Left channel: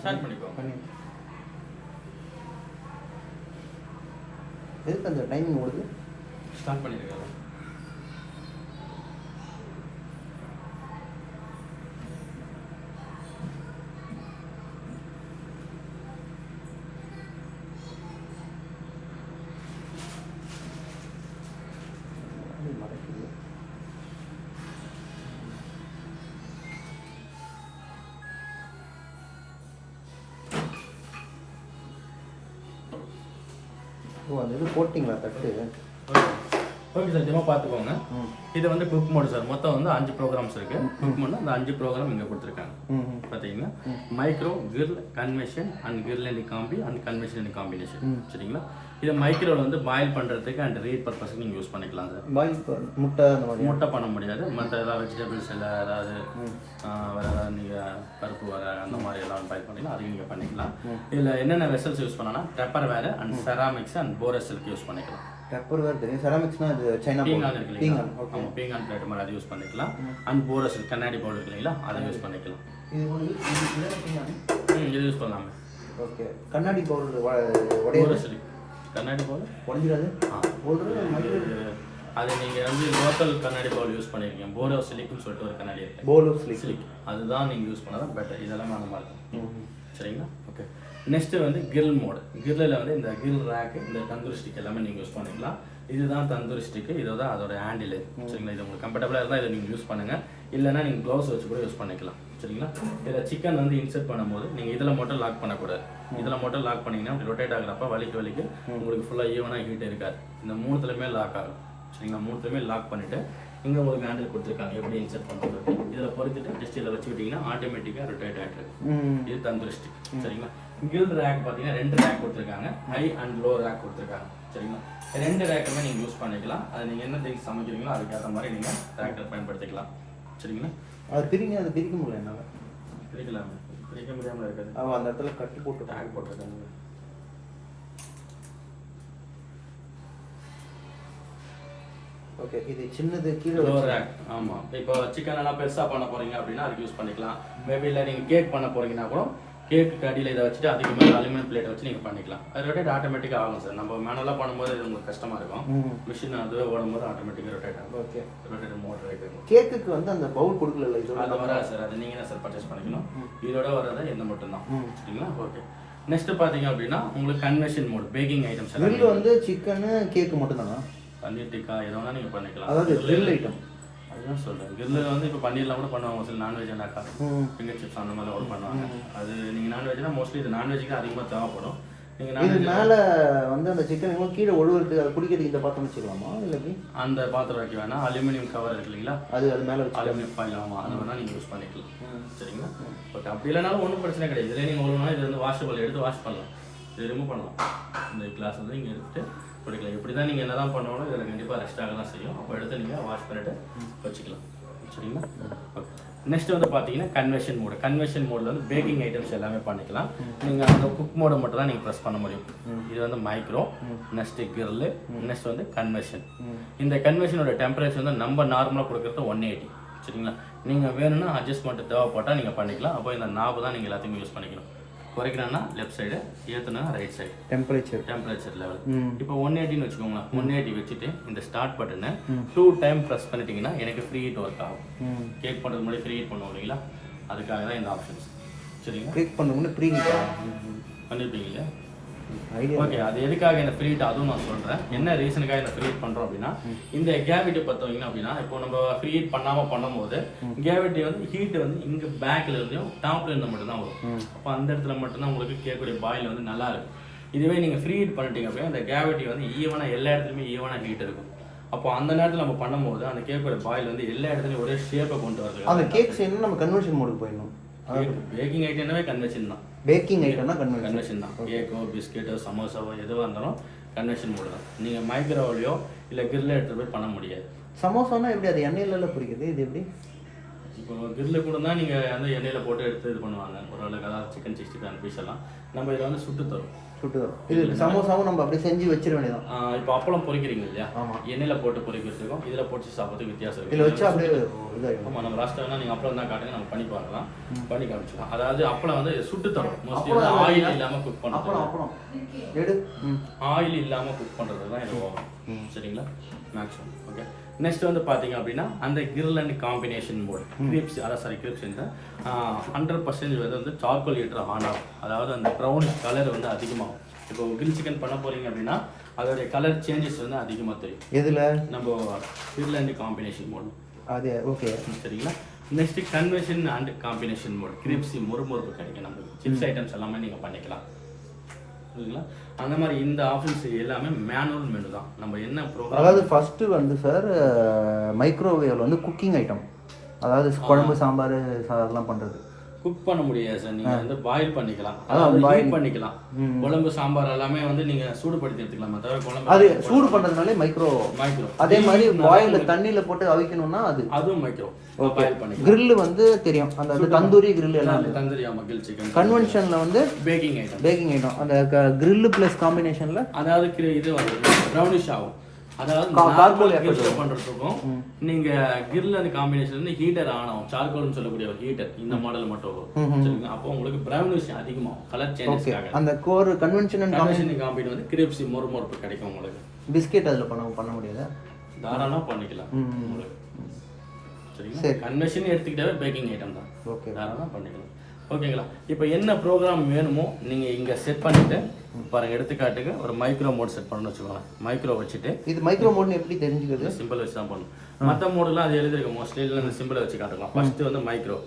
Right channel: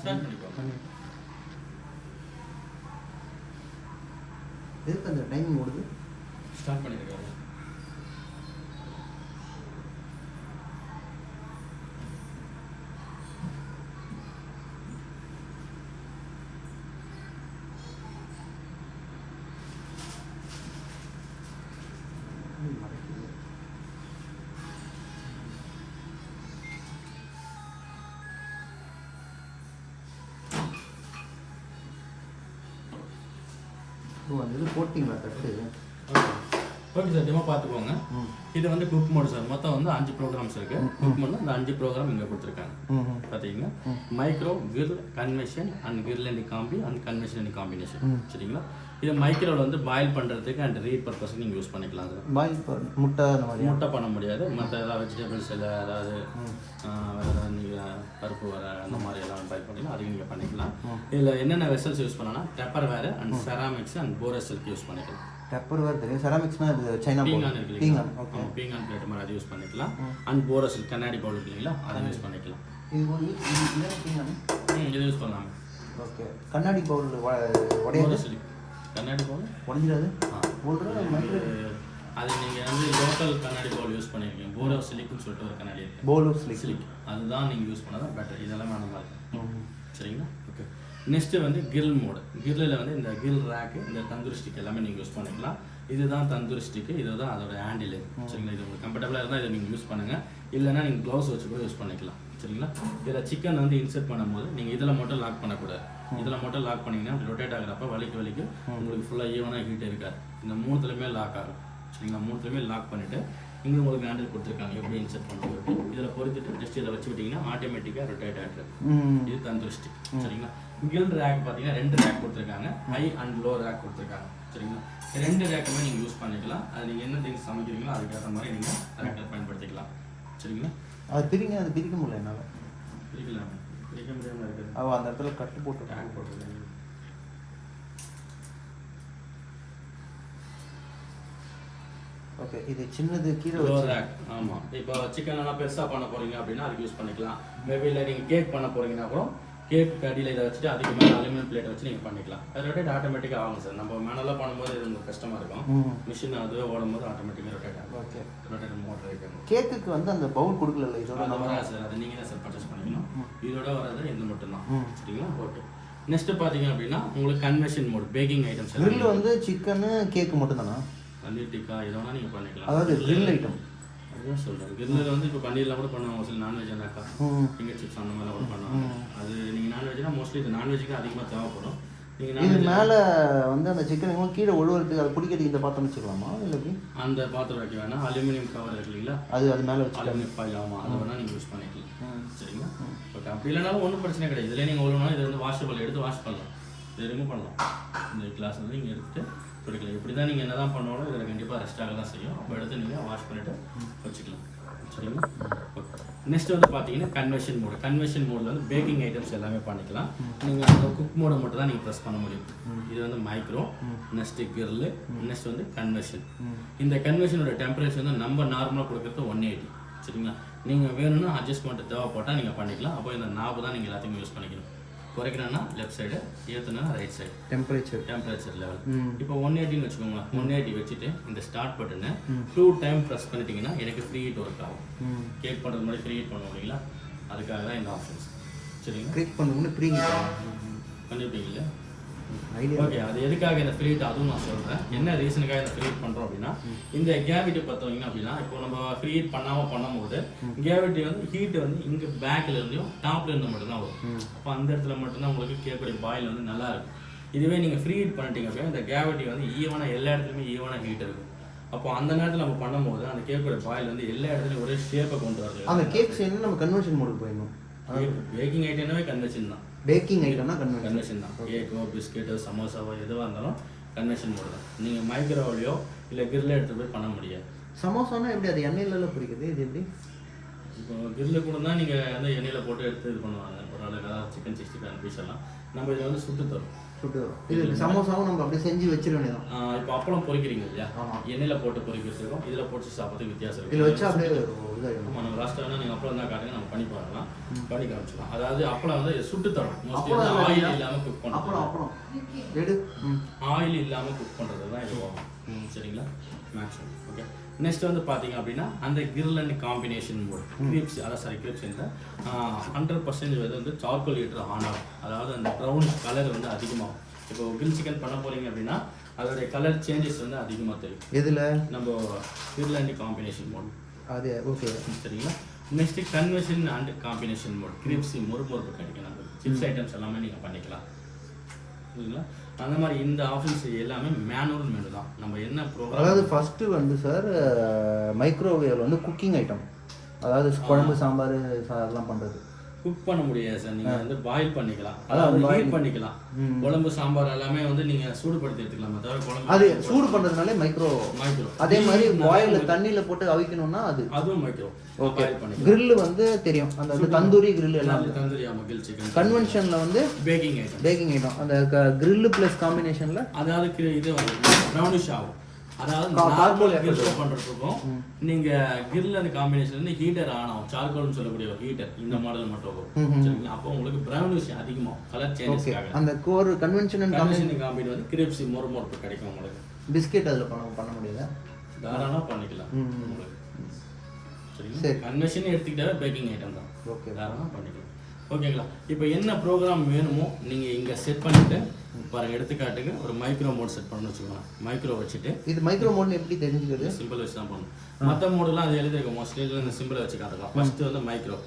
Start பண்ணிக்கோ. எதுக்கு அந்த டைமிங் ஓடுது? ஸ்டார்ட் பண்ணிருக்கேன். ஓ அந்த இது போட்டிங்களா தட்டு? ஓகே சார், டெமோ பார்த்துக்கோங்க. இது வந்து குக் மோடு சார். மொத்தம் வந்து 5 ப்ரோக்ராம்ஸ் இருக்கு. குக் மோடு அந்த 5 ப்ரோக்ராம் இங்கே கொடுத்துருக்காங்க. பார்த்தீங்கன்னா micro, grill, convention and grill and combi and convention and combination. சரிங்களா? இது மைக்ரோவில் வந்து பாயில் பண்ணுறதுக்கு அண்ட் ரீட் பர்பஸ்க்கு நீங்கள் யூஸ் பண்ணிக்கலாம் சார். பாயில் முட்டை அந்த மாதிரி முட்டை பண்ண முடியாது. மற்ற ஏதாவது வெஜிடபிள்ஸ் இல்லை ஏதாவது வேறு ஏதாவது நீங்கள் பருப்பு வர அந்த மாதிரி எல்லாம் பாயில் பண்ணிக்கலாம். அதையும் நீங்கள் பண்ணிக்கலாம். இதில் என்னென்ன வெசல்ஸ் யூஸ் பண்ணலாம்? பெப்பர் வேறு அண்ட் செராமிக்ஸ் அண்ட் போரஸில்க்கு யூஸ் பண்ணிக்கலாம். பெப்பர் வேறு தெரியும். செராமிக்ஸ்னா இது சைனா பீங்கான் இருக்கு இல்லைங்களா? ஓகே, பீங்கான் பிளேட் மாதிரி அதை யூஸ் பண்ணிக்கலாம். அண்ட் போரஸில் கண்ணாடி பவுல் இருக்கு இல்லைங்களா? அதை யூஸ் பண்ணிக்கலாம். இது இது யூஸ் பண்ணலாம். ஓகே, கண்ணாடி பவுல் போரஸில் கண்ணாடி பவுல் உடஞ்சிடாது. அது நீங்கள் வந்து லோக்கல் கண்ணாடி பவுல் யூஸ் பண்ணிருக்கீங்க. போரோசிலிக்னு சொல்லிட்டு ஒரு கண்ணாடி இருக்கு. போரோசிலிக் அதுதான் நீங்கள் யூஸ் பண்ணாதான் பெட்டர். இதெல்லாம் அந்த மாதிரி இருக்கும். சரிங்களா? ஓகே. நெக்ஸ்ட்டு வந்து கிரில் மோடு. கிரில்லில் வந்து இந்த கிரில் ரேக்கு, இந்த தந்தூரி ஸ்டிக் எல்லாமே நீங்கள் யூஸ் பண்ணிக்கலாம். இதுதான் தந்தூரி ஸ்டிக்கு, இதை தான் அதோட ஹேண்டில். சரிங்களா? இது உங்களுக்கு கம்ஃபர்டபுளாக இருந்தால் இதை நீங்கள் யூஸ் பண்ணுங்கள். இல்லைனா நீங்கள் க்ளவுஸ் வச்சு கூட யூஸ் பண்ணிக்கலாம். சரிங்களா? இதில் சிக்கன் வந்து இன்சர்ட் பண்ணும்போது நீங்கள் இதில் மட்டும் லாக் பண்ணக்கூடாது. இதில் மட்டும் லாக் பண்ணிங்கன்னா ரொட்டேட் ஆகிறப்ப வலிக்கு உங்களுக்கு ஃபுல்லாக ஈவனாக ஹீட் இருக்காது. இந்த 3த்துலையுமே லாக் ஆகும். சரிங்களா? 3த்துலையுமே லாக் பண்ணிவிட்டு இங்கே உங்களுக்கு ஹேண்டில் கொடுத்துருக்காங்க எப்படி இன்சர்ட் பண்ணுறது. இதில் பொறுத்துட்டு ஜஸ்ட் இதில் வச்சு விட்டிங்கன்னா ஆட்டோமேட்டிக்காக ரொட்டேட் ஆகிடுது. இது தந்தூரி ஸ்டிக். சரிங்களா? கிரில் ரேக் பார்த்தீங்கன்னா 2 ரேக் கொடுத்துருக்காங்க. ஹை அண்ட் லோ ரேக் கொடுத்துருக்காங்க. சரிங்களா? 2 ரேக்குமே நீங்கள் யூஸ் பண்ணிக்கலாம். அது நீங்கள் என்ன திங்ஸ் சமைக்கிறீங்களோ அதுக்கேற்ற மாதிரி நீங்கள் ரேக்கை பயன்படுத்திக்கலாம். சரிங்களா? அது பிரிக்க முடியல என்னால். பிரிக்க முடியாமல் இருக்குது. அந்த இடத்துல கட்டு போட்டு ரேக் போட்டுருக்காங்க. ஓகே, இது சின்னது கீழே ரேக். ஆமாம், இப்போ சிக்கன் எல்லாம் பெருசாக பண்ண போகிறீங்க அப்படின்னா அதுக்கு யூஸ் பண்ணிக்கலாம். மேபி இல்லை நீங்கள் கேக் பண்ண போகிறீங்கன்னா கூட கேக்கு அடியில் இதை வச்சுட்டு அதுக்கு மேலே அலுமினியம் பிளேட் வச்சு நீங்கள் பண்ணிக்கலாம். அது ரொட்டேட் ஆட்டோமேட்டிக்காக ஆகும் சார். நம்ம மேனலாக பண்ணும்போது இது உங்களுக்கு கஷ்டமாக இருக்கும். மிஷின் அதுவே ஓடும்போது ஆட்டோமேட்டிக்காக ரொட்டேட் ஆகும். ஓகே, ரொட்டேட் மோட்டர் இருக்குது. கேக்குக்கு வந்து அந்த பவுல் கொடுக்கல, இதோட அது வராது சார். அது நீங்கள் தான் சார் பர்ச்சேஸ் பண்ணிக்கணும். இதோட வராது எந்த மட்டும்தான். சரிங்களா? ஓகே. நெக்ஸ்ட் பார்த்தீங்க அப்படின்னா உங்களுக்கு convection mode, baking items. Grill வந்து சிக்கனு கேக்கு மட்டும் தானா? பன்னீர் டிக்கா எது வேணால் நீங்கள் பண்ணிக்கலாம். அதாவது கிரில் ஐட்டம் அதுதான் சொல்கிறேன். கிரில் வந்து இப்போ பன்னீர்லாம் கூட பண்ணுவாங்க சில நான்வெஜ்னாக்கா. ஃபிங்கர் சிப்ஸ் அந்த மாதிரி கூட பண்ணுவாங்க. அது நீங்கள் நான்வெஜ்னா மோஸ்ட்லி இது நான்வெஜ்ஜுக்கு அதிகமாக தேவைப்படும். நீங்கள் இது மேலே வந்து அந்த சிக்கன் கீழே ஒழுகுறதுக்கு அது குடிக்கிறதுக்கு இந்த பாத்திரம் வச்சுக்கலாமா? இல்லை அந்த பாத்திரம் வைக்க வேணாம். அலுமினியம் கவர் இருக்கு இல்லைங்களா? அது மேலே வச்சு அலுமினியம் ஃபாயில். ஆமாம், அது வேணால் நீங்கள் யூஸ் பண்ணிக்கலாம். சரிங்களா? ஓகே. அப்படி இல்லைனாலும் ஒன்றும் பிரச்சனை கிடையாது. இதில் நீங்கள் ஒரு நாள் இது வந்து வாஷபிள் எடுத்து வாஷ் பண்ணலாம். இது ரிமூவ் பண்ணலாம். இந்த கிளாஸ் வந்து நீங்கள் எடுத்துகிட்டு குடிக்கலாம். இப்படி தான் நீங்கள் என்ன தான் பண்ணாலும் இதில் கண்டிப்பாக ரெஸ்ட் ஆக தான் செய்யும். அப்போ எடுத்து நீங்கள் வாஷ் பண்ணிவிட்டு வச்சுக்கலாம். சரிங்களா? ஓகே. நெக்ஸ்ட் வந்து பார்த்தீங்கன்னா கன்வென்ஷன் மோடு. கன்வென்ஷன் மோடில் வந்து பேக்கிங் ஐட்டம்ஸ் எல்லாமே பண்ணிக்கலாம். நீங்கள் அந்த குக் மோடை மட்டும் தான் நீங்கள் ப்ரெஸ் பண்ண முடியும். இது வந்து மைக்ரோ, நெக்ஸ்ட்டு கிரில், நெக்ஸ்ட் வந்து கன்வென்ஷன். இந்த கன்வென்ஷனோட டெம்பரேச்சர் வந்து நம்ம நார்மலாக கொடுக்குறது 180. சரிங்களா? நீங்கள் வேணும்னா அட்ஜஸ்ட்மெண்ட் தேவைப்பட்டால் நீங்கள் பண்ணிக்கலாம். அப்போ இந்த நாபு தான் நீங்கள் எல்லாத்தையுமே யூஸ் பண்ணிக்கணும். குறைக்கிறேன்னா லெஃப்ட் சைடு, ஏற்றுனா ரைட் சைடு. டெம்பரேச்சர் லெவல் இப்போ 180ன்னு வச்சுக்கோங்க. 180 வச்சுட்டு இந்த ஸ்டார்ட் பட்டனை 2 டைம் ப்ரெஸ் பண்ணிட்டீங்கன்னா எனக்கு ஃப்ரீ ஹீட் ஒர்க் ஆகும். கேக் பண்ணுறது முன்னாடி ஃப்ரீ ஹீட் பண்ணுவோம் இல்லைங்களா? அதுக்காக தான் இந்த ஆப்ஷன்ஸ். சரிங்களா? கேக் பண்ணுறது முன்னாடி ஃப்ரீ ஹீட் பண்ணியிருப்பீங்களா? ஓகே. அது எதுக்காக இந்த ஃப்ரீ ஹீட் அதுவும் நான் சொல்கிறேன். என்ன ரீசனுக்காக இந்த ஃப்ரீ ஹீட் பண்ணுறோம் அப்படின்னா இந்த கேவிட்டி பார்த்தீங்க அப்படின்னா இப்போ நம்ம ஃப்ரீ ஹீட் பண்ணாமல் பண்ணும்போது கேவிட்டி வந்து ஹீட் வந்து இங்கே பேக்கில் இருந்தும் டாப்ல இருந்து மட்டும்தான் வரும். அப்போ அந்த இடத்துல மட்டும்தான் உங்களுக்கு கேட்கக்கூடிய பாயில் வந்து நல்லா இருக்கும். இதுவே நீங்கள் ஃப்ரீ ஹீட் பண்ணிட்டீங்க அப்படின்னா அந்த கேவிட்டி வந்து ஈவனாக எல்லா இடத்துலையுமே ஈவனாக ஹீட் இருக்கும். அப்போ அந்த நேரத்தில் நம்ம பண்ணும்போது அந்த கேக்கோட பாயில் வந்து எல்லா இடத்துலையும் ஒரே ஷேப்பை கொண்டு வருது. அந்த கேக் செய்யணும் நம்ம கன்வென்ஷன் மோடுக்கு போயிடணும். பேக்கிங் ஐட்டம்னாவே கன்வென்ஷன் தான். பேக்கிங் ஐட்டம்னா கன்வென்ஷன் தான். கேக்கோ பிஸ்கெட்டோ சமோசாவோ எதுவாக இருந்தாலும் கன்வென்ஷன் மோடு தான். நீங்கள் மைக்ரோவேவ்லையோ இல்லை கிரில் எடுத்து போய் பண்ண முடியாது. சமோசானா எப்படி அது எண்ணெயில பிடிக்குது? இது எப்படி? இப்போ கிரில் கூட தான் நீங்கள் வந்து எண்ணெயில் போட்டு எடுத்து இது பண்ணுவாங்க. ஒரு அளவுக்கு அதாவது சிக்கன் 65 பீஸ் எல்லாம் நம்ம இதை வந்து சுட்டு தரும். இது சமோசாவும் நம்ம அப்படியே செஞ்சு வச்சிட வேண்டியதான். இப்போ அப்பளம் பொரிக்கிறீங்க இல்லையா, எண்ணெயில் போட்டு பொரிக்கிறதுக்கும் இதில் போட்டு சாப்பிட்றதுக்கு வித்தியாசம் இருக்குது. இதில் வச்சா அப்படியே ஆமாம், நம்ம லாஸ்ட்டாக வேணால் நீங்கள் அப்பளம் தான் காட்டுங்க, நம்ம பண்ணி பார்க்கலாம், பண்ணி காமிச்சிக்கலாம். அதாவது அப்பளம் வந்து சுட்டு தரும், ஆயில் இல்லாமல் குக் பண்ணுறோம். அப்பளம் எடு ஆயில் இல்லாமல் குக் பண்ணுறது தான் இது வரும். சரிங்களா, மேக்ஸிமம். ஓகே, நெக்ஸ்ட் வந்து பார்த்தீங்க அப்படின்னா அந்த grill and combination mode crisp, அதாவது கிரிப்ஸ் 100% வந்து சார்கோல் ஹீட்டர் ஆன் ஆகும். அதாவது அந்த ப்ரௌனிஷ் கலர் வந்து அதிகமாகும். இப்போ கிரில் சிக்கன் பண்ண போகிறீங்க அப்படின்னா அதோடைய கலர் சேஞ்சஸ் வந்து அதிகமாக தெரியும். எதில் நம்ம கிரில் அண்ட் காம்பினேஷன் மோட் அது ஓகே. சரிங்களா, next conversion and combination mode கிரிப்ஸ் மொறுமொறுப்பு கிடைக்கும். நம்ம சிப்ஸ் ஐட்டம்ஸ் எல்லாமே நீங்கள் பண்ணிக்கலாம். சரிங்களா, அந்த மாதிரி இந்த ஆப்ஷன்ஸ் எல்லாமே மேனுவல் மெனு தான். நம்ம என்ன ப்ரோக்ராம், அதாவது ஃபஸ்ட்டு வந்து சார் மைக்ரோவேவ் வந்து குக்கிங் ஐட்டம், அதாவது குழம்பு சாம்பார் அதெல்லாம் பண்ணுறது குக் பண்ண முடியாது சார். நீங்கள் வந்து பாயில் பண்ணிக்கலாம், அதாவது பாயில் பண்ணிக்கலாம். குழம்பு சாம்பார் எல்லாமே வந்து நீங்கள் சூடுபடுத்தி எடுத்துக்கலாம். தவிர குழம்பு அது சூடு பண்ணுறதுனாலே மைக்ரோ. அதே மாதிரி பாயில் தண்ணியில் போட்டு அவிக்கணும்னா அதுவும் மைக்ரோ. ஓகே. கிரில் வந்து தெரியும், அந்த தந்தூரி கிரில் எல்லாம் தந்தூரி. ஆமாம், கிரில் சிக்கன். கன்வென்ஷனில் வந்து பேக்கிங் ஐட்டம். அந்த கிரில் ப்ளஸ் காம்பினேஷனில் அதாவது இது ப்ரௌனிஷ் ஆகும். அதாவது கிரில் பண்ணுறதுக்கும் நீங்கள் கிரில் அந்த காம்பினேஷன் வந்து ஹீட்டர் ஆன் ஆகும். சார்கோல்னு சொல்லக்கூடிய ஒரு ஹீட்டர் இந்த மாடல் மட்டும் வரும். அப்போ உங்களுக்கு ப்ரௌனிஷ் அதிகமாகும், கலர் சேஞ்சஸ் ஆகும். அந்த கோர் கன்வென்ஷன் காம்பினேஷன் வந்து கிரிப்ஸ் மொறுமொறுப்பு கிடைக்கும் உங்களுக்கு. பிஸ்கெட் அதில் பண்ண முடியாது, தாராளமாக பண்ணிக்கலாம் உங்களுக்கு. சரிங்களா, கன்வென்ஷன் எடுத்துக்கிட்டாவே பேக்கிங் ஐட்டம் தான். ஓகே, தாராளமாக பண்ணிக்கலாம். ஓகேங்களா, இப்போ என்ன ப்ரோக்ராம் வேணுமோ நீங்கள் இங்கே செட் பண்ணிவிட்டு பாருங்கள். எடுத்துக்காட்டுக்கு ஒரு மைக்ரோ மோட் செட் பண்ணணும்னு வச்சுக்கோங்க. மைக்ரோ வச்சுட்டு இது மைக்ரோ மோட்னு எப்படி தெரிஞ்சுக்கிறது? சிம்பிள் வச்சு தான் பண்ணணும். மற்ற மோடெலாம் அது எழுதிருக்கும், மோஸ்ட்லி இதில் இந்த சிம்பிளை வச்சு காட்டலாம். ஃபஸ்ட்டு வந்து மைக்ரோ,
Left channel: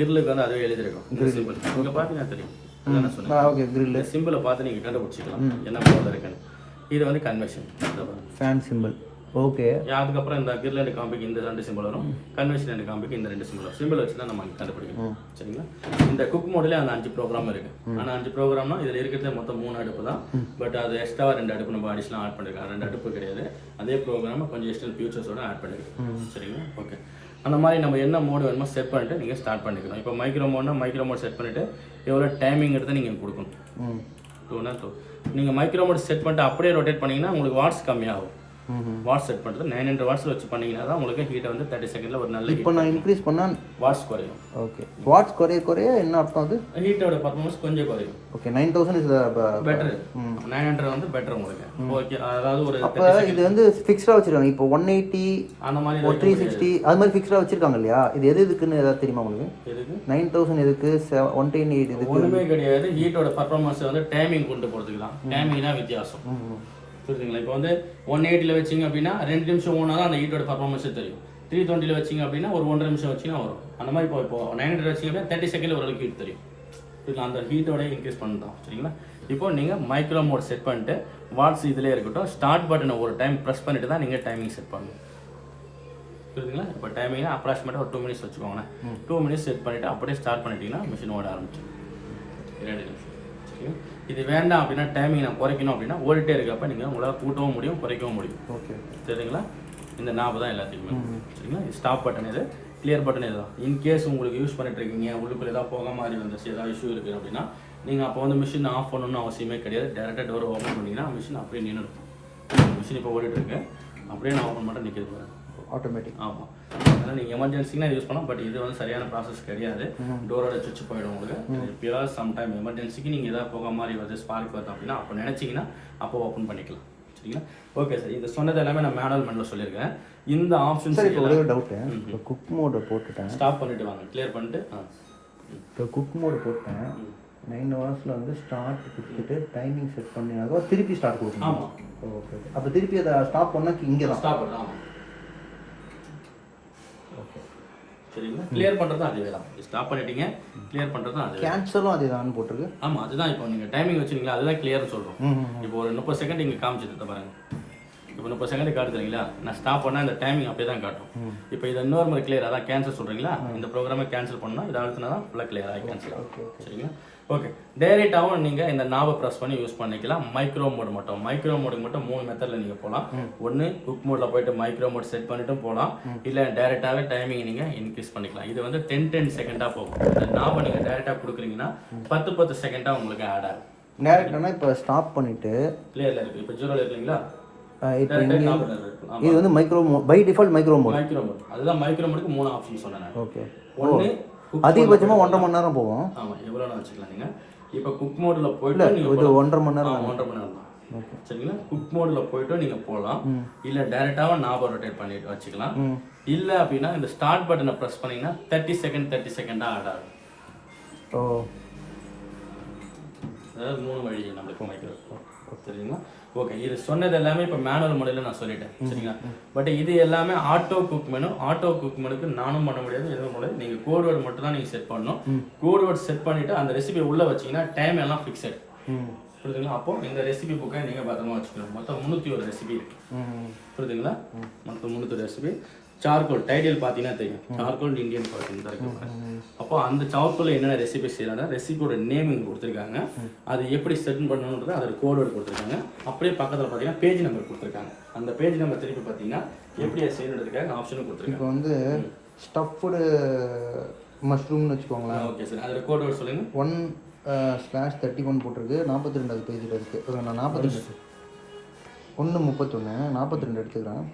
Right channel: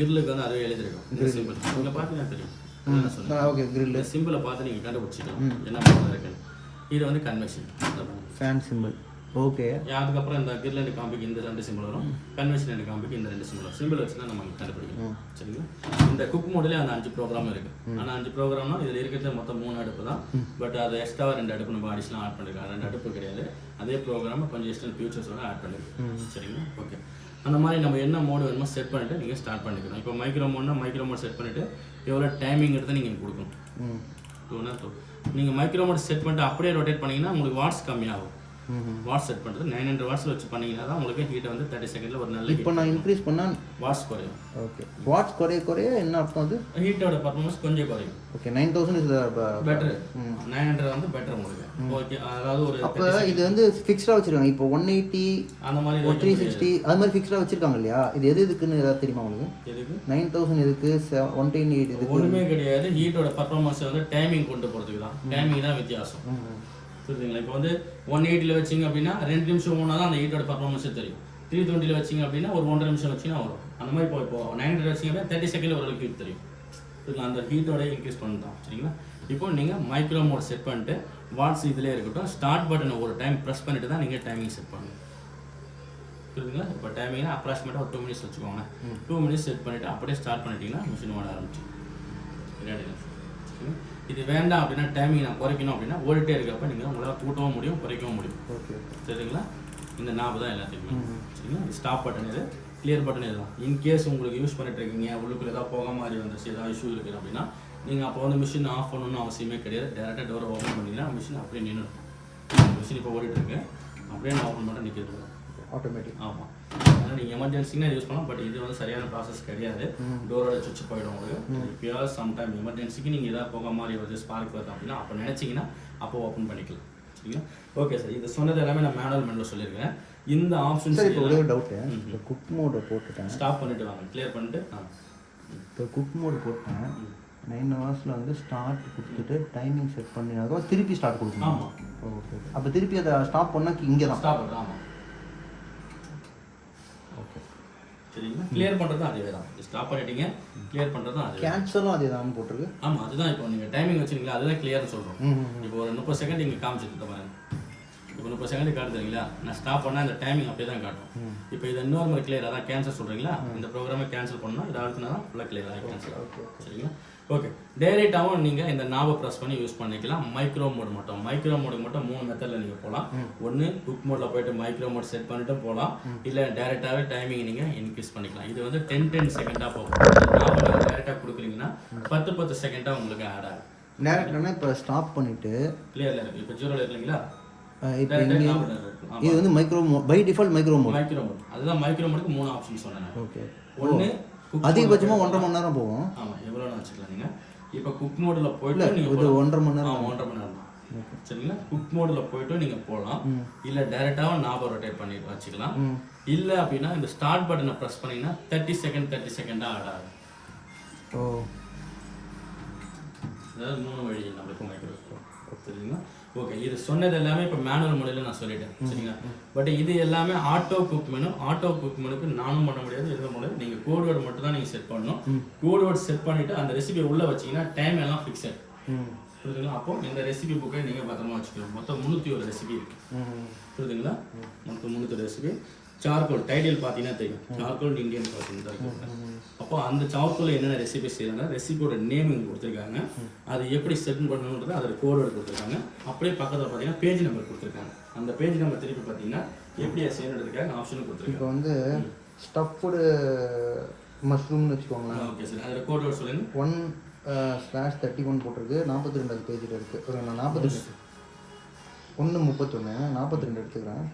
கிரில்லுக்கு வந்து அதுவே எழுதிருக்கும் இந்த சிம்பிள். நீங்கள் பார்த்தீங்கன்னா தெரியும் என்ன சொல்லுங்கள். ஓகே, கிரில் சிம்பிளை பார்த்து நீங்கள் கண்டுபிடிச்சிக்கலாம் என்ன மோடில் இருக்குன்னு. இது வந்து கன்வென்ஷன் ஃபேன் சிம்பிள். ஓகே, அதுக்கப்புறம் இந்த கிரில் அண்ட் காம்பிக்கு இந்த 2 சிம்பிள் வரும், கன்வென்ஷன் அண்ட் காம்பிக்கு இந்த 2 சிம்பிள் வரும். சிம்பிள் வச்சு தான் நம்ம கண்டுபிடிக்கணும். சரிங்களா, இந்த குக் மோட்லேயே அந்த 5 ப்ரோக்ராம் இருக்குது. ஆனால் 5 ப்ரோக்ராம்னா இதில் இருக்கிறது மொத்தம் 3 அடுப்பு தான். பட் அது எக்ஸ்ட்ராவாக 2 அடுப்பு நம்ம அடிஷனல் ஆட் பண்ணிருக்கோம். 2 அடுப்பு கிடையாது, அதே ப்ரோக்ராமை கொஞ்சம் எக்ஸ்ட்ரா ஃபியூச்சர்ஸோட ஆட் பண்ணிருக்கோம். சரிங்களா, ஓகே. அந்த மாதிரி நம்ம என்ன மோடு வேணுமோ செட் பண்ணிவிட்டு நீங்கள் ஸ்டார்ட் பண்ணிக்கலாம். இப்போ மைக்ரோ மோட்னா மைக்ரோ மோட் செட் பண்ணிவிட்டு எவ்வளோ டைமிங் எடுத்து நீங்கள் கொடுக்கணும். 2 நீங்கள் மைக்ரோ மோட் செட் பண்ணிட்டு அப்படியே ரொட்டேட் பண்ணிங்கன்னா உங்களுக்கு வாட்ஸ் கம்மியாகும். வாட்ஸ் செட் பண்ணுறது 900 வாட்ஸ் வச்சு பண்ணிங்கன்னா தான் உங்களுக்கு ஹீட்டை வந்து 30 செகண்டில் ஒரு நல்ல. இப்போ நான் இன்க்ரீஸ் பண்ணால் வாட்ஸ் குறையும். ஓகே, வாட்ஸ் குறைய என்ன அர்த்தம்? அது ஹீட்டோட பர்ஃபார்மன்ஸ் கொஞ்சம் குறையும். Okay, 9000 is better. 900 வந்து பெட்டர் உங்களுக்கு. ஓகே, அதாவது ஒரு அப்போ இது வந்து ஃபிக்ஸ்டாக வச்சுருக்காங்க. இப்போ 180 அந்த மாதிரி 360 அது மாதிரி ஃபிக்ஸ்டாக வச்சுருக்காங்க இல்லையா? இது எதுக்குன்னு ஏதாவது தெரியுமா உங்களுக்கு? எதுக்கு 9000 எதுக்கு 128 இதுக்கு? ஒன்றுமே கிடையாது. ஹீட்டோட பர்ஃபார்மன்ஸ் வந்து டைமிங் கொண்டு போகிறதுக்கு தான். டைமிங் தான் வித்தியாசம். புரியுதுங்களா? இப்போ வந்து 180 வச்சிங்க அப்படின்னா 2 நிமிஷம் ஓனா தான் அந்த ஹீட்டோட பர்ஃபார்மன்ஸே தெரியும். 320 வச்சிங்க அப்படின்னா ஒரு 1.5 நிமிஷம் வச்சிங்கன்னா வரும். அந்த மாதிரி இப்போ 900 வச்சிங்க அப்படின்னா 30 செகண்டில் ஓரளவுக்கு ஹீட் தெரியும். புரியுதுங்களா, அந்த ஹீட்டோட இன்க்ரீஸ் பண்ணுறோம். சரிங்களா, இப்போ நீங்கள் மைக்ரோ மோட் செட் பண்ணிட்டு வாட்ஸ் இதிலே இருக்கட்டும், ஸ்டார்ட் பட்டனை ஒரு டைம் ப்ரெஸ் பண்ணிட்டு தான் நீங்கள் டைமிங் செட் பண்ணணும். புரியுதுங்களா, இப்போ டைமிங்னா அப்ராக்சிமேட்டாக ஒரு 2 மினிட்ஸ் வச்சுக்கோங்க. 2 மினிட்ஸ் செட் பண்ணிவிட்டு அப்படியே ஸ்டார்ட் பண்ணிட்டீங்கன்னா மிஷின் ஓட ஆரம்பிச்சிடும். 2 நிமிஷம். இது வேண்டாம் அப்படின்னா டைமிங் நான் குறைக்கணும் அப்படின்னா ஓடிட்டே இருக்கப்ப நீங்கள் உங்களால் கூட்டவும் முடியும், குறைக்கவும் முடியும். ஓகே, சரிங்களா, இந்த நாபு தான் எல்லாத்துக்குமே. சரிங்களா, ஸ்டாப் பட்டன் இது, கிளியர் பட்டன் இது தான். இன்கேஸ் உங்களுக்கு யூஸ் பண்ணிட்டு இருக்கீங்க, உள்ளுக்குள்ள ஏதாவது போக மாதிரி வந்துச்சு, ஏதாவது இஷ்யூ இருக்குது அப்படின்னா நீங்கள் அப்போ வந்து மிஷின் ஆஃப் பண்ணணும்னு அவசியமே கிடையாது. டேரெக்டாக டோரை ஓப்பன் பண்ணிங்கன்னா மிஷின் அப்படியே நின்றுடும். மிஷின் இப்போ ஓடிட்டு இருக்கு, அப்படியே நான் ஓப்பன் பண்ணிட்டு நிற்கிறது ஆட்டோமேட்டிக். ஆமாம், அதனால் நீங்கள் எமர்ஜென்சினா யூஸ் பண்ணலாம். பட் இது வந்து சரியான ப்ராசஸ் கிடையாது. டோரோட சுவிட்ச் போயிடும் உங்களுக்கு. எப்பயாவது சம்டைம் எமர்ஜென்சிக்கு நீங்கள் எதாவது போக மாதிரி வருது, ஸ்பார்க் வருது அப்படின்னா அப்போ நினச்சிங்கன்னா அப்போ ஓப்பன் பண்ணிக்கலாம். சரிங்களா, ஓகே சார். இது சொன்னது எல்லாமே நான் மேனுவல் மெனுவில் சொல்லியிருக்கேன். இந்த ஆப்ஷன்ஸ் ஒரே டவுட்டு, இப்போ குக் மோடு போட்டுட்டேன், ஸ்டாப் பண்ணிட்டு வாங்க, கிளியர் பண்ணிட்டு. இப்போ குக் மோடு போட்டேன், 9 ஹவர்ஸில் வந்து ஸ்டார்ட் கொடுத்துட்டு டைமிங் செட் பண்ணினாக்கா திருப்பி ஸ்டார்ட் கொடுக்கணும். ஆமாம், ஓகே. அப்போ திருப்பி அதை ஸ்டாப் பண்ணால் இங்கே தான் ஸ்டாப் பண்ணுறோம். ஆமாம், ஓகே. சரிங்களா, கிளியர் பண்ணுறது அதே தான். ஸ்டாப் பண்ணிட்டீங்க, கிளியர் பண்ணுறது அது. கேன்சலும் அதே தான் போட்டிருக்கு. ஆமாம், அதுதான். இப்போ நீங்கள் டைமிங் வச்சுருங்களா, அதுதான் கிளியர்னு சொல்கிறோம். இப்போ ஒரு 30 செகண்ட் இங்கே காமிச்சிட்டு பாருங்கள். இப்போ 30 செகண்ட் காட்டுறீங்களா, நான் ஸ்டாப் பண்ணால் இந்த டைமிங் அப்படியே தான் காட்டும். இப்போ இது இன்னொரு மாதிரி கிளியர், அதான் கேன்சல் சொல்கிறீங்களா, இந்த ப்ரோக்ராமை கேன்சல் பண்ணால் இதை அழுத்தினா தான் ஃபுல்லாக கிளியர் ஆகி கேன்சல் ஆகும். சரிங்களா, ஓகே. டைரெக்டாகவும் நீங்கள் இந்த நாவை ப்ரெஸ் பண்ணி யூஸ் பண்ணிக்கலாம். மைக்ரோ மோடு மட்டும், மைக்ரோ மோடுக்கு மட்டும் 3 மெத்தடில் நீங்கள் போகலாம். ஒன்று குக் மோடில் போயிட்டு மைக்ரோ மோட் செட் பண்ணிட்டும் போகலாம், இல்லை டைரெக்டாகவே டைமிங் நீங்கள் இன்க்ரீஸ் பண்ணிக்கலாம். இது வந்து 10 செகண்டாக போகும். இந்த நாவை நீங்கள் டைரெக்டாக கொடுக்குறீங்கன்னா 10 செகண்டாக உங்களுக்கு ஆட் ஆகும். டேரக்டானா இப்போ ஸ்டாப் பண்ணிவிட்டு கிளியரில் இருக்குது. இப்போ 0 இருக்குங்களா, இப்போ இங்கே இது வந்து micro mode, by default micro mode. Micro mode அதுதான். மைக்ரோ மோடுக்கு 3 ஆப்ஷன் சொன்னேன். ஓகே. ஒன்று அதிகபட்சமாக 1.5 மணி நேரம் போகும். ஆமாம், எவ்வளோ வச்சுக்கலாம் நீங்கள். இப்போ குக் மோடில் போயிட்டு இது 1.5 மணி நேரம். 1.5 மணி நேரம் தான். சரிங்களா. குக் மோடில் போயிட்டு நீங்கள் போகலாம், இல்லை டைரெக்டாக நாபை ரொட்டேட் பண்ணிட்டு வச்சுக்கலாம். இல்லை அப்படின்னா இந்த ஸ்டார்ட் பட்டனை ப்ரெஸ் பண்ணிங்கன்னா 30 செகண்டாக ஆட் ஆகும். ஓ, அதாவது 3 வழி நம்மளுக்கு மைக்ரோ. சரிங்களா. ஓகே, இது சொன்னது எல்லாமே இப்போ மேனுவல் முறையில் நான் சொல்லிட்டேன். சரிங்களா. பட் இது எல்லாமே auto cook menu. Auto cook மெனுக்கு நானும் பண்ண முடியாது, எதுவும் முடியாது. நீங்கள் கோட் வேர்டு மட்டும் தான் நீங்கள் செட் பண்ணணும். கோட் வேர்டு செட் பண்ணிவிட்டு அந்த ரெசிபி உள்ளே வச்சிங்கன்னா டைம் எல்லாம் ஃபிக்ஸட். புரியுதுங்களா. அப்போது இந்த ரெசிபி புக்கை நீங்கள் பத்திரமா வச்சுக்கணும். மொத்தம் 301 ரெசிபி இருக்குது. புரியுதுங்களா. மொத்தம் 301 ரெசிபி. சார்கோல் டைட்டில் பார்த்தீங்கன்னா தெரியும், சார்கோல் இந்தியன் பார்த்தீங்கன்னா இருக்கும். அப்போ அந்த சார்கோல் என்னென்ன ரெசிபி செய்யறாங்க, ரெசிபியோட நேம் இங்கே கொடுத்துருக்காங்க, அது எப்படி செட் பண்ணணுன்றது அதோட கோடோடு கொடுத்துருக்காங்க. அப்படியே பக்கத்தில் பார்த்தீங்கன்னா பேஜ் நம்பர் கொடுத்துருக்காங்க. அந்த பேஜ் நம்பர் திருப்பி பார்த்தீங்கன்னா எப்படி அது செய்யறதுக்காக ஆப்ஷனும் கொடுத்துருக்காங்க. இப்போ வந்து ஸ்டஃப்டு மஷ்ரூம்னு வச்சுக்கோங்களேன். ஓகே சார், அதில் கோடோடு சொல்லுங்கள். 1/31 போட்டிருக்கு, 42 பேஜில் இருக்குது. நான் 42 1:31 42 எடுத்துக்கிறேன்.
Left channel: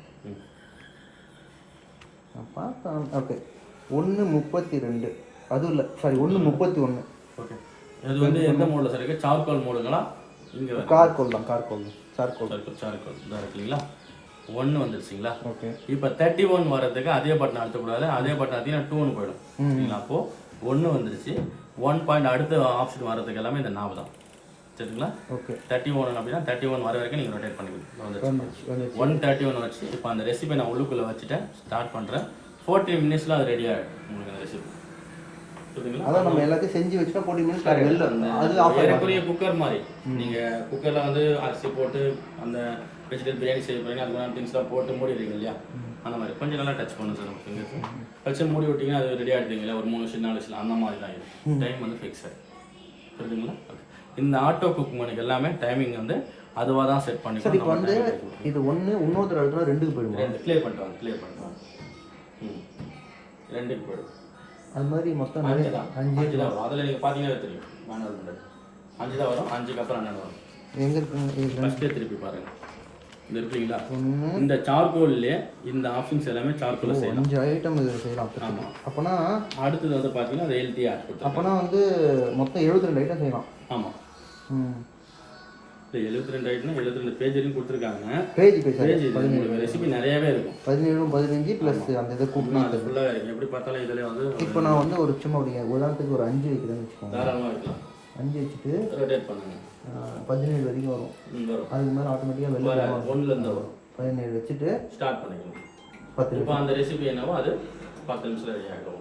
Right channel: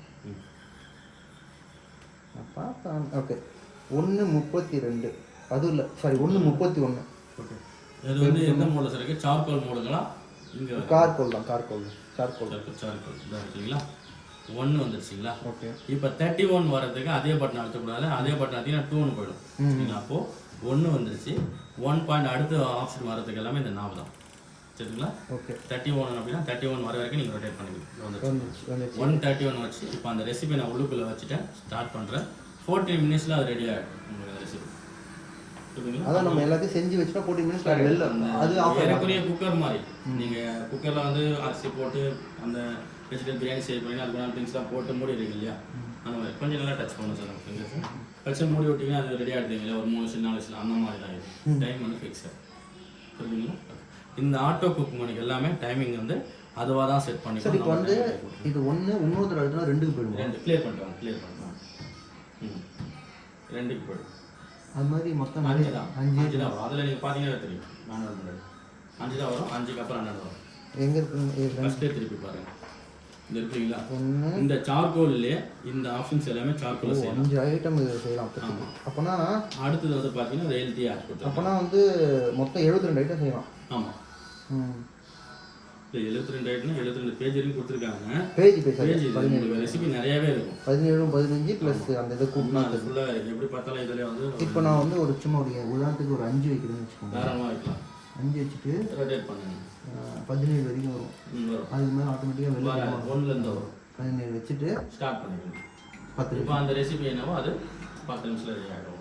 பார்த்தா ஓகே 1:32 அதுவும் இல்லை, சாரி 1:31. ஓகே, அது வந்து எந்த மோடில் சார் இருக்குது? சார்கோல் மோடுங்களா? இங்கே சார்கோல் தான். சார்கோல் தான் இருக்குங்களா. 1 வந்துருச்சுங்களா. ஓகே. இப்போ 31 வர்றதுக்கு அதே பட்டன் அழுத்தக்கூடாது, அதே பட்டன் அழுத்தினா 2ன்னு போயிடும். சரிங்களா. அப்போது 1 வந்துருச்சு. 1 பாயிண்ட் அடுத்த ஆப்ஷன் வர்றதுக்கு எல்லாமே இந்த நாவ் தான். சரிங்களா. ஓகே. 31 அப்படின்னா 31 வர வரைக்கும் நீங்கள் ரொட்டேட் பண்ணிக்கலாம். வந்துருச்சு 131 வச்சு இப்போ அந்த ரெசிபி நான் உள்ளுக்குள்ளே வச்சுட்டேன், ஸ்டார்ட் பண்ணுறேன். 14 மினிட்ஸில் அது ரெடி ஆகிடும் ரெசிபி. புரியுதுங்களா. அதான் நம்ம எல்லாத்தையும் செஞ்சு வச்சுட்டா 14 மினிட்ஸ் வேறக்குரிய குக்கர் மாதிரி. நீங்கள் குக்கரில் வந்து அரிசி போட்டு அந்த வெஜிடபிள் பிரியாணி செய்ய போறீங்கன்னா அதுக்கு திங்ஸ்லாம் போட்டு மூடிடுறீங்க இல்லையா, அந்த மாதிரி கொஞ்சம் நல்லா டச் பண்ணுங்க சார். ஃபிங்கர்ஸ் வச்சு மூடி விட்டிங்கன்னா அது ரெடி ஆகிடுவீங்களா, ஒரு 3 நிமிஷம் 4 நிமிஷம் அந்த மாதிரி தான் இருக்கும். டைம் வந்து ஃபிக்ஸட். புரியுதுங்களா. இந்த ஆட்டோ குக் மணிக்கு எல்லாமே டைமிங் வந்து அதுவாக தான் செட் பண்ணிக்கலாம். இப்போ வந்து இது 1 இன்னொருத்தர் அடுத்த 2க்கு போயிடுவோம். 2 கிளியர் பண்ணிட்டு 2க்கு போயிடும். அது மாதிரி மொத்தம் 5 தான் வரும். அதில் நீங்கள் பார்த்தீங்கன்னா தெரியும், 5 தான் வரும். 5க்கு அப்புறம் 12 வரும். எங்கே ஃபஸ்ட்டே திருப்பி பாருங்கள். இந்த இருக்குங்களா, இந்த சார்கோல்லே இந்த ஆப்ஷன்ஸ் எல்லாமே சார்கோல்ல செய்யலாம். 5 ஐட்டம் இதில் செய்யலாம். ஆமாம். அப்போனா அடுத்தது வந்து பார்த்தீங்கன்னா அது எல்டி ஆட் கொடுத்தோம். அப்போனா வந்து மொத்தம் 72 ஐட்டம் செய்யலாம். ஆமாம். இப்போ 72 ஐட்டம் 72 பேஜ் வரைக்கும் கொடுத்துருக்காங்க. பேஜ் உங்களுக்கு ரெசிபி நிறையாவே இருக்கும். 17 15 ப்ளஸ் அந்த இது கூப்பிட்டு அது ஃபுல்லாக இருக்கும். எப்படி பார்த்தாலும் இதில் வந்து இப்போ நான் வந்து ஒரு சும்மா ஒரு உதாரணத்துக்கு ஒரு 5 வைக்கிறேன்னு வச்சுக்கோங்க. தாராளமாக இருக்கும். 5 வச்சுட்டு ரொட்டேட் பண்ணுங்க. 17 வரைக்கும் வரும். அதுக்கு மேலே ஆட்டோமேட்டிக்காக வெளில 1லேருந்து வரும். 17 வச்சுட்டு ஸ்டார்ட் பண்ணிக்கலாம். 10. இப்போ அந்த ரெசிபி என்னவோ அது 10 நிமிஷத்தில் ரெடி ஆகிடும்.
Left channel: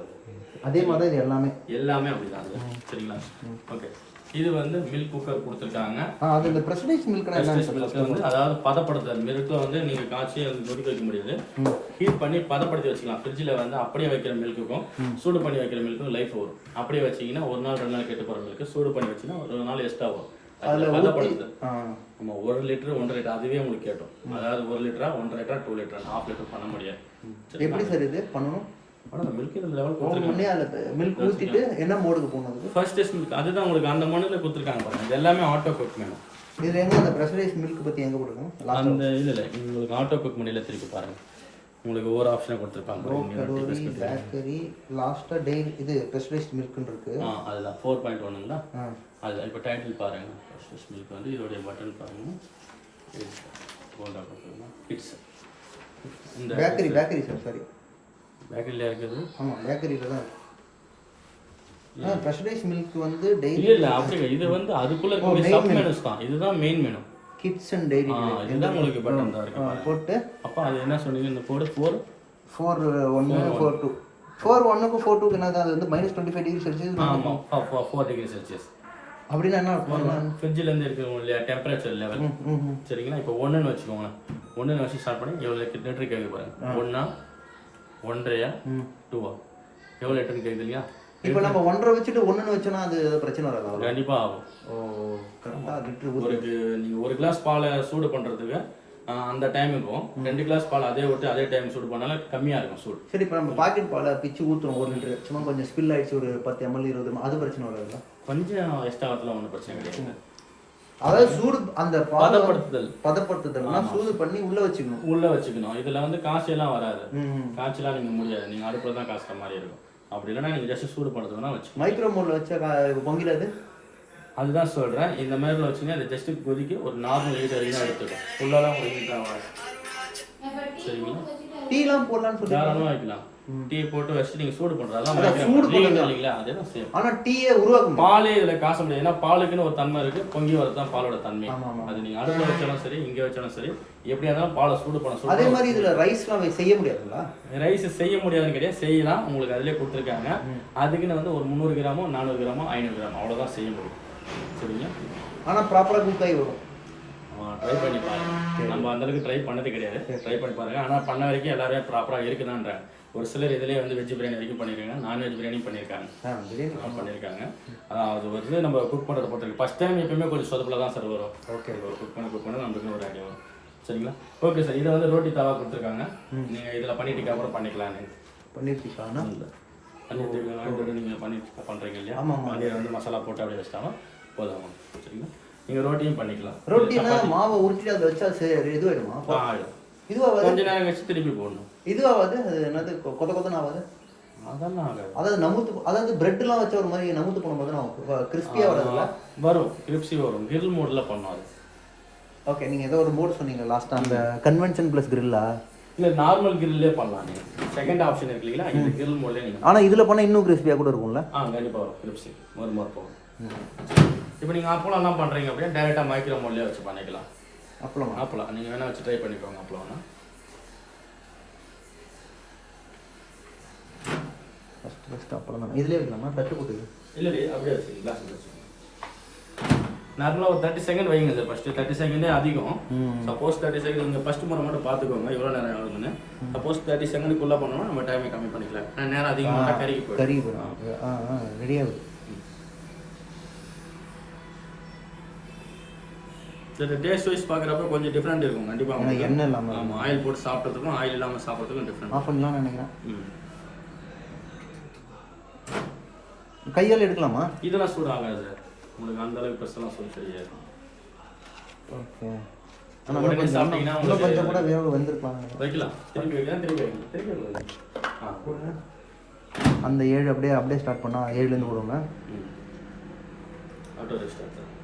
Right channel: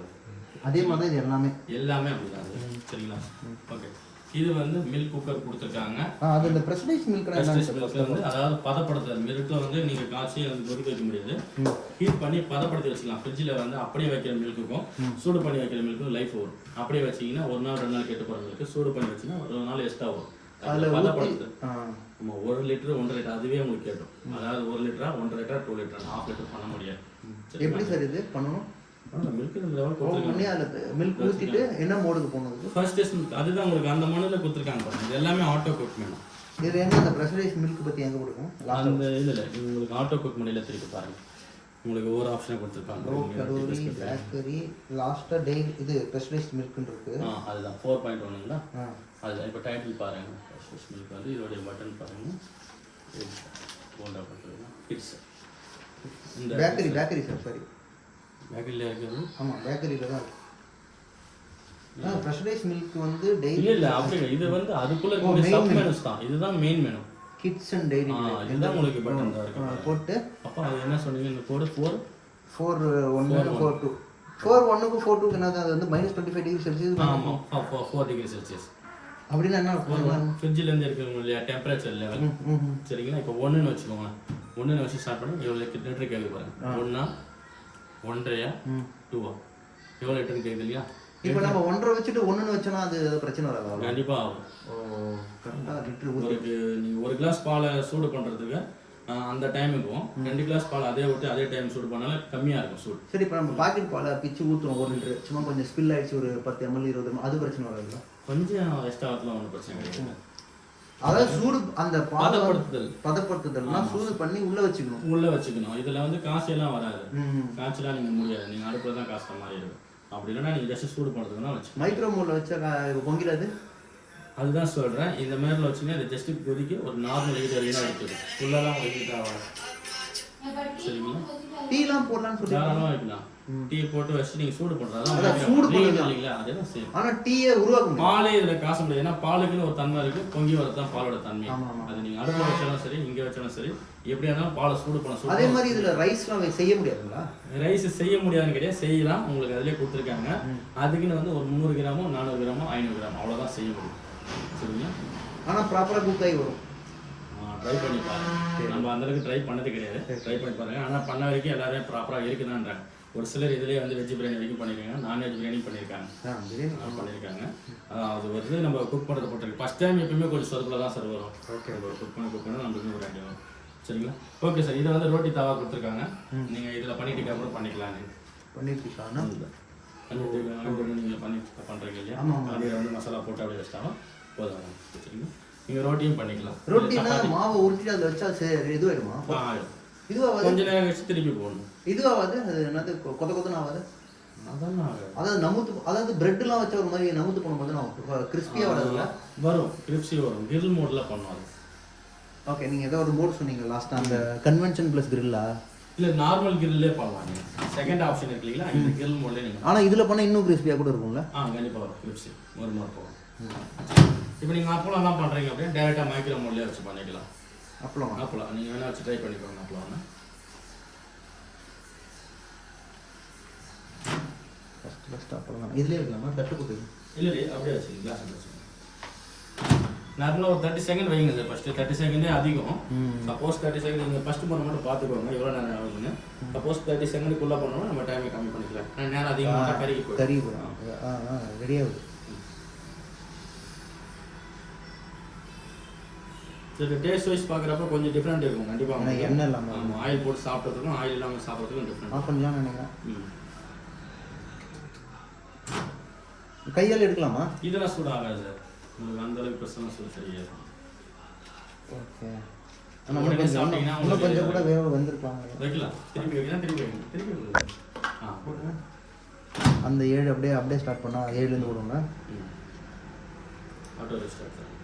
அதே மாதிரி தான் இது எல்லாமே அப்படிதாங்க. சரிங்களா. ஓகே, இது வந்து மில்க் குக்கர் கொடுத்துருக்காங்க. அது இந்த பிரஸ்டீஜ் மில்க் வந்து அதாவது பதப்படுத்துறது. மில்கில் வந்து நீங்கள் காய்ச்சி கொதிக்க வைக்க முடியாது, ஹீட் பண்ணி பதப்படுத்தி வச்சுக்கலாம். ஃப்ரிட்ஜில் வந்து அப்படியே வைக்கிற மில்க்குக்கும் சூடு பண்ணி வைக்கிற மில்க்கும் லைஃப் வரும். அப்படியே வச்சிங்கன்னா 1 நாள் 2 நாள் கெட்டு போகிற மில்க்கு சூடு பண்ணி வச்சுன்னா 1 நாள் எக்ஸ்ட்ரா வரும். அதில் பதப்படுத்துது. ஆமாம், 1 லிட்டரு 1.5 லிட்டர் அதுவே உங்களுக்கு கேட்டோம். அதாவது 1 லிட்டரா 1.5 லிட்டரா 2 லிட்டரா 1/2 லிட்டர் பண்ண முடியாது. எப்படி சார் இது பண்ணணும்? ஆனால் மில்க் லெவல் மில்க் ஊற்றிட்டு என்ன மோடுக்கு போகணும்? ஃபர்ஸ்ட் மில்க் அதுதான் உங்களுக்கு அந்த மண்ணில் கொடுத்துருக்காங்க பாருங்க. இது எல்லாமே ஆட்டோ குக் வேணும். இதில் என்ன அந்த ப்ரெஷரைஸ் மில்க் பற்றி எங்கே கொடுக்கணும்? அந்த இதில் உங்களுக்கு ஆட்டோ குக் மணியில் திருப்பி பாருங்கள். உங்களுக்கு ஒவ்வொரு ஆப்ஷன் கொடுத்துருக்காங்க. பேக்கரி லாஸ்ட்டாக டெய்லி இது ப்ரெஷரைஸ் மில்க்னு இருக்குது. அதுதான் 4.1ங்களா. அதுதான் இப்போ டைட்டில் பாருங்கள். ப்ரெஷரைஸ் மில்க் வந்து இதோடைய பட்டன் பாருங்கள். கிட்ஸ் இந்த பேக்கரி சார், சாரி பேக்கரியில் இருக்கிறது. ஆமாம், பேக்கரியில் தான் இருக்குது. ப்ரெஷரைஸ் மில்க் வந்து டெய்லி இல்லை அப்படி இது வந்து அதுக்குள்ளே இருக்க சப் மெனுஸ் தான். இதுதான் main menu. Kids and daily இதுதான் உங்களுக்கு பட்டன் தான் இருக்குது போட்டு. அப்போ அது என்ன சொன்னீங்க? இந்த கோடு 4.1 4.2 4.1க்கு 4.2க்கு என்னது? அது வந்து -25 டிகிரி செல்சியஸ். ஆமாம், 4 டிகிரி செல்சியஸ். அப்படின்னா என்ன? ஃப்ரிட்ஜிலேருந்து இருக்கிறவங்க இல்லையா டெம்பரேச்சர் லெவல். சரிங்களா. இப்போ 1ன்னு வச்சுக்கோங்களேன். 1ன்னு வச்சு ஸ்டார்ட் பண்ணி எவ்வளோ லிட்டர் கேட்க பாருங்க. 1 1.5 2 எவ்வளோ லிட்டர்னு கேட்குது இல்லையா? இப்போ நம்ம 1.5 வச்சுட்டு 1ன்னு வச்சோன்னா அது ஏதோ பிரச்சனை வராது? கண்டிப்பாக ஆகும். கரெக்டாக லிட்டரு நீங்கள் 1 கிளாஸ் பாலை சூடு பண்ணுறதுக்கு அந்த டைம் இருக்கும். 2 கிளாஸ் பால் அதே ஊற்றி அதே டைம் சூடு பண்ணாலும் கம்மியாக இருக்கும் சூடு. சரி, இப்போ நம்ம பாக்கெட் பாலை பிச்சு ஊற்றுறோம் 1 லிட்டரு, சும்மா கொஞ்சம் ஸ்பில் ஆகிடுச்சு ஒரு 10 ml 20 ml, அது பிரச்சனை வராதுல்ல? கொஞ்சம் எக்ஸ்ட்ரா வரத்துல ஒன்றும் பிரச்சனை கிடையாது. அதாவது சூடு அந்த பதப்படுத்துதல் சூடு பண்ணி உள்ள வச்சுக்கணும். இதுல வந்து காய்ச்சலாம் வராது. காய்ச்சலாம் நீங்க முடியாது, நீங்க அடுப்புல தான் காய்ச்சற மாதிரி இருக்கும். அப்படி இல்லைன்னா நீங்க ஜஸ்ட் சூடு பண்ணுறதுனா வச்சு மைக்ரோ மோட்ல வச்சா பொங்கிடாது. அதுதான் சொல்றேன். இந்த மாதிரி வச்சுன்னா அது ஜஸ்ட் கொதிக்க ஒரு நார்மல் ஹீட் வரைக்கும் எடுத்துக்கும். ஃபுல்லாக ஒரு ஹீட் ஆகும். சரிங்களா? டீலாம் போடலாம்னு சொல்லி தாராளமாக வைக்கலாம். டீ போட்டு வச்சு நீங்க சூடு பண்றதா சூடு பண்ணுங்க இல்லைங்களா? அதேதான் சேம். ஆனா டீயை உருவாக்கும். பாலே இதுல காச முடியாது. ஏன்னா பாலுக்குன்னு ஒரு தன்மை இருக்கு. பொங்கி வரதான் பாலோட தன்மை. அது நீங்க அடுப்பு வச்சாலும் சரி, இங்க வச்சாலும் சரி, எப்படியா இருந்தாலும் பாலை சூடு பண்ண அதே மாதிரி இதுல ரைஸ்லாம் செய்ய முடியாதுங்களா? ரைஸ் செய்ய முடியாதுன்னு கிடையாது, செய்யலாம். உங்களுக்கு அதிலே கொடுத்துருக்காங்க. அதுக்குன்னு வந்து ஒரு 300 கிராமோ 400 கிராமோ 500 கிராம் அவ்வளோதான் செய்ய முடியும். சரிங்க? ஆனா ப்ராப்பரா குக் ஆகி வரும். ட்ரை பண்ணி பாருங்க. நம்ம அந்த அளவுக்கு ட்ரை பண்ணது கிடையாது. ட்ரை பண்ணி பாருங்க. ஆனால் பண்ண வரைக்கும் எல்லாரும் ப்ராப்பராக இருக்குதான்றாங்க. ஒரு சிலர் இதிலே வந்து வெஜ் பிரியாணி வரைக்கும் பண்ணியிருக்காங்க, நான்வெஜ் பிரியாணி பண்ணியிருக்காங்க. அது வந்து நம்ம குக் பண்ணுறது போட்டிருக்கு. ஃபஸ்ட் டைம் எப்பயுமே கொஞ்சம் சொதப்பில் தான் சார் வரும். ஓகே, குக் பண்ண நம்மளுக்கு ஒரு ஐடியா வரும். சரிங்களா? Okay sir. இதை வந்து ரோட்டி தவா கொடுத்துருக்காங்க. நீங்கள் இதில் பண்ணிட்டு அப்புறம் பண்ணிக்கலான்னு பண்ணிட்டு நீங்கள் பண்ணிட்டு பண்ணுறீங்க இல்லையா? ஆமாம். அதில் வந்து மசாலா போட்டு அப்படியே வச்சிட்டாலும் போதும். சரிங்களா? நீங்கள் ரோட்டியும் பண்ணிக்கலாம். ரோட்டி மாவை உருட்டி அதில் வச்சா சரி இது வருமா? ஆகிடும். இதுவாக கொஞ்சம் நேரம் கழிச்சு திருப்பி போடணும். இதுவாகாது? என்னது கொத்தன்னு ஆகாது? அதெல்லாம் ஆகாது. அதாவது பிரெட்லாம் வச்ச ஒரு மாதிரி நமுத்து போகும்போது நான் கிறிஸ்பியாக வரதுல வரும். கிரிப்ஸி வரும். கிரில் மோடில் பண்ணுவாங்க. ஓகே, நீங்கள் ஏதோ ஒரு மோட் சொன்னீங்க லாஸ்ட்டாக, அந்த கன்வென்ஷன் ப்ளஸ் கிரில்லா? இல்லை, நார்மல் கிரில்லே பண்ணலாம். நீங்கள் செகண்ட் ஆப்ஷன் இருக்கு இல்லைங்களா? இந்த கிரில் மோட்லேயே நீங்கள். ஆனால் இதில் பண்ணால் இன்னும் கிறிஸ்பியாக கூட இருக்கும்ல? கண்டிப்பாக வரும். கிரிப்ஸி ஒரு மோட் போகும். இப்போ நீங்கள் அப்பளம்லாம் பண்ணுறீங்க அப்படின்னா டேரெக்டாக மைக்ரோ மோட்லேயே வச்சு பண்ணிக்கலாம். அப்பளம் நீங்கள் வேணால் வச்சு ட்ரை பண்ணிக்கோங்க. அப்பளம் அப்புறம் இதுலேயே இருக்கலாமா? தட்டு போட்டு இல்லை அப்படியே வச்சு கிளாஸ் வச்சு நார்மலாக ஒரு 30 செகண்ட் வைங்க சார். ஃபஸ்ட்டு 30 செகண்டே அதிகம். சப்போஸ் 30 செகண்ட் நீங்கள் ஃபஸ்ட்டு முறை மட்டும் பார்த்துக்கோங்க இவ்வளோ நேரம் ஆகுதுன்னு. சப்போஸ் 30 செகண்டுக்குள்ளே பண்ணோம்னா நம்ம டைமை கம்மி பண்ணிக்கலாம். நேரம் அதிகமாக கருகி போயிடும். ரெடியாக சரி, டேஸ்ட் வைஸ் பார்க்குறப்ப கொஞ்சம் டிஃப்ரெண்ட் இருக்கும். கண்டிப்பாக என்ன இல்லாமல் ஆமாம், ஆயில் போட்டு சாப்பிட்றதுக்கும் ஆயில் இல்லாமல் சாப்பிட்றதுக்கும் டிஃப்ரெண்ட். ஆஃப் பண்ணலாம் நினைக்கிறேன். கையால் எடுக்கலாமா? இதெல்லாம் சூடு ஆகாது சார். உங்களுக்கு அந்த அளவுக்கு ப்ரெஸ்லாம் சூடு தெரியாது. ஓகே, சாப்பிட்டீங்கன்னா கொஞ்சம் கூட வேக வந்துருப்பாங்க. வைக்கலாம். திருப்பி வைக்கலாம். திருப்பி வைக்கலாம். அந்த 7 அப்படியே ஸ்டார்ட் பண்ணால் 7லேருந்து போடுவோங்க. Auto start sir.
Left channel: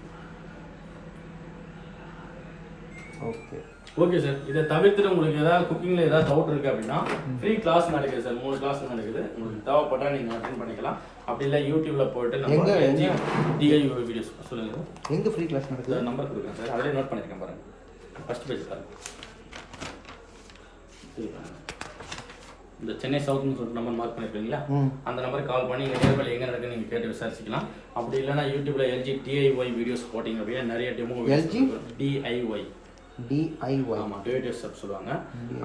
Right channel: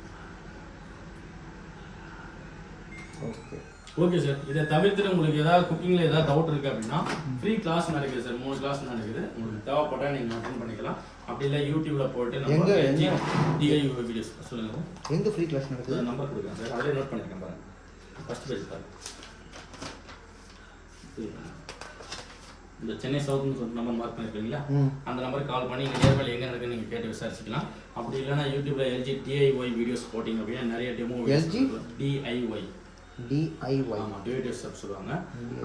Okay sir. இதை தவிர்த்து உங்களுக்கு ஏதாவது குக்கிங்கில் ஏதாவது டவுட் இருக்குது அப்படின்னா ஃப்ரீ கிளாஸ் நடக்குது சார். 3 கிளாஸ் நடக்குது. உங்களுக்கு தேவைப்பட்டால் நீங்கள் அட்டென்ட் பண்ணிக்கலாம். அப்படி இல்லை யூடியூப்பில் போய்ட்டு நம்ம MJEN28UF வீடியோஸ் சொல்லுங்கள். எங்கே ஃப்ரீ கிளாஸ் நடக்குது? நம்பர் கொடுக்குறேன் சார். அதிலே நோட் பண்ணிக்கிறேன் பாருங்கள். First page sir. இந்த சென்னை சவுத்னு சொல்லிட்டு நம்பர் மார்க் பண்ணிருக்கீங்களா? அந்த நம்பருக்கு கால் பண்ணி இங்கே நியர்பை எங்கே நடக்குன்னு நீங்கள் கேட்டு விசாரிச்சிக்கலாம். அப்படி இல்லைனா யூடியூப்பில் MJEN28UF வீடியோஸ் போட்டிங்க அப்படின்னா நிறைய டெமோ DIY ஆமாம், டிவைடர்ஸ் சொல்லுவாங்க.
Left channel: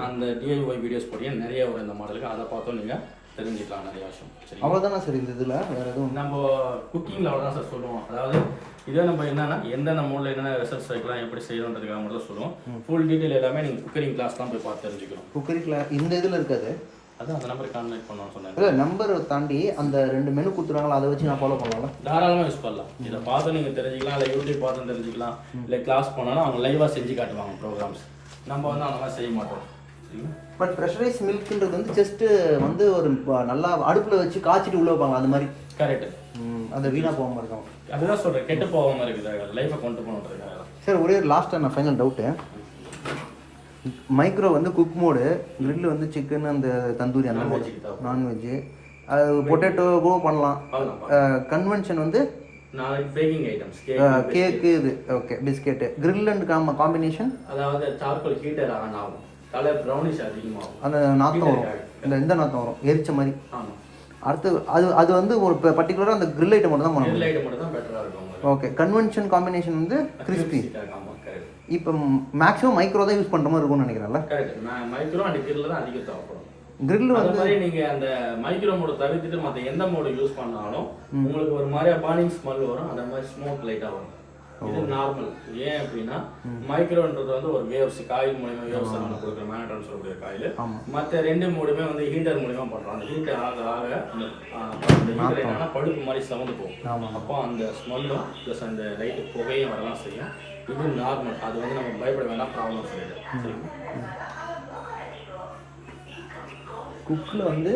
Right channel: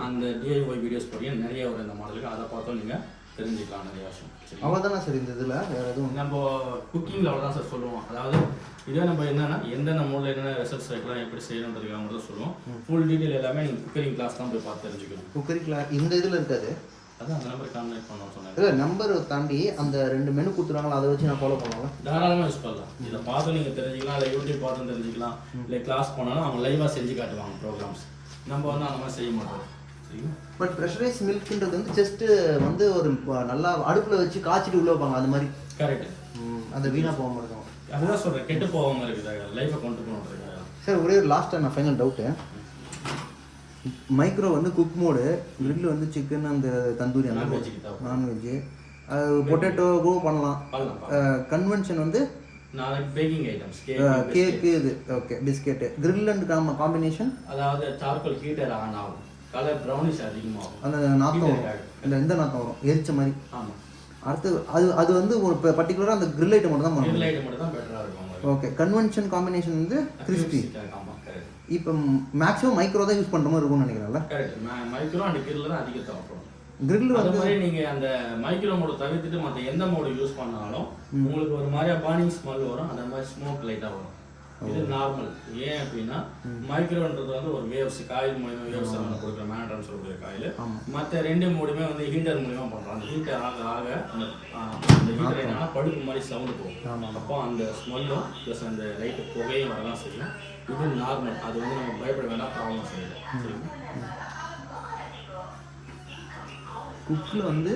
அந்த DIY வீடியோஸ் போட்டிங்க நிறைய வரும் இந்த மாடலுக்கு. அதை பார்த்தும் நீங்கள் தெரிஞ்சுக்கலாம் நிறைய விஷயம். சரி, அவ்வளோதானே சார் இந்த இதில் நம்ம குக்கிங்கில் அவ்வளோதான் சார் சொல்லுவோம். அதாவது இதே நம்ம என்னன்னா எந்தெந்த மோடில் என்னென்ன ரிசல்ட்ஸ் வைக்கலாம், எப்படி செய்யணுன்றதுக்காக மட்டும் சொல்லுவோம். ஃபுல் டீட்டெயில் எல்லாமே நீங்கள் குக்கரிங் கிளாஸ் தான் போய் பார்த்து தெரிஞ்சுக்கணும். குக்கரிங் கிளாஸ் இந்த இதில் இருக்காது. அதான் அந்த நம்பருக்கு கான்டாக்ட் பண்ணணும்னு சொன்னாங்க. இல்லை, நம்பரை தாண்டி அந்த 2 மெனு கொடுத்துருவாங்களா, அதை வச்சு நான் ஃபாலோ பண்ணலாம். தாராளமாக யூஸ் பண்ணலாம். இதை பார்த்து நீங்கள் தெரிஞ்சுக்கலாம். இல்லை யூடியூப் பார்த்து தெரிஞ்சுக்கலாம். இல்லை கிளாஸ் போனாலும் அவங்க லைவாக செஞ்சு காட்டுவாங்க ப்ரோக்ராம்ஸ். நம்ம வந்து அந்த மாதிரி செய்ய மாட்டோம். சரிங்களா? பட் ப்ரெஷரைஸ் மில்க்ன்றது வந்து ஜஸ்ட்டு வந்து ஒரு நல்லா அடுப்பில் வச்சு காய்ச்சிட்டு உள்ளே வைப்பாங்க. அது மாதிரி கரெக்டு. அந்த வீணாக போகாமல் இருக்கும். அதுதான் சொல்கிறேன், கெட்டு போகாமல் இருக்குது. லைஃபை கொண்டு போகணுன்றதுக்காக. சார், ஒரே லாஸ்ட்டாக நான் ஃபைனல் டவுட்டு. மைக்ரோ வந்து குக் மோடு, கிரில் வந்து சிக்கன் அந்த தந்தூரி அந்த நான்வெஜ்ஜு, அது பொட்டேட்டோவோ பண்ணலாம். கன்வென்ஷன் வந்து நாளைக்கு பேக்கிங் ஐட்டம்ஸ், கேக்கு, இது okay, biscuit, grill and combination. அதாவது சார்கோல் ஹீட்டர் ஆன் ஆகும், கலர் ப்ரௌனிஷ் அதிகமாகும், அந்த நாத்தம் வரும். இல்லை, எந்த நாத்தம் வரும்? எரிச்ச மாதிரி. ஆமாம். அடுத்து அது வந்து ஒரு பர்டிகுலராக அந்த கிரில் ஐட்டம் மட்டும் தான் பண்ணணும். கிரில் ஐட்டம் மட்டும் தான் பெட்டராக இருக்கும். ஓகே, கன்வென்ஷன் காம்பினேஷன் வந்து கிறிஸ்பி. இப்போ மேக்ஸிமம் மைக்ரோ தான் யூஸ் பண்ணுற மாதிரி இருக்கும்னு நினைக்கிறேன்ல. கரெக்ட். மைக்ரோ அண்ட் கிரில் தான் அதிக தேவைப்படும். கிரில் அது மாதிரி நீங்கள் அந்த மைக்ரோ மோடு தவிர்த்துட்டு மற்ற எந்த மோடு யூஸ் பண்ணாலும் உங்களுக்கு ஒரு மாதிரியா பர்னிங் ஸ்மெல் வரும், அந்த மாதிரி ஸ்மோக் லைட்டாக வரும். இது நார்மல். ஏன் அப்படின்னா மைக்ரோன்றது வந்து ஒரு வேவ்ஸ் காயில் மூலியமா வேவ்ஸ் நம்ம கொடுக்குற மேனட்ரான்னு சொல்லக்கூடிய காயில். மற்ற 2 மோடுமே வந்து ஹீட்டர் மூலியமா பண்ணுறோம். அந்த ஹீட்டர் ஆக அந்த ஹீட்டர் என்னன்னா பழுப்பு மாதிரி சவுண்டு போகும். அப்போ அந்த ஸ்மெல்லும் ப்ளஸ் அந்த லைட்டு புகையும் வரலாம் செய்யும். இது நார்மல். அது வந்து நம்ம பயப்பட வேண்டாம், ப்ராப்ளம் சரியில்லை. சரிங்களா? குக்கில் வந்து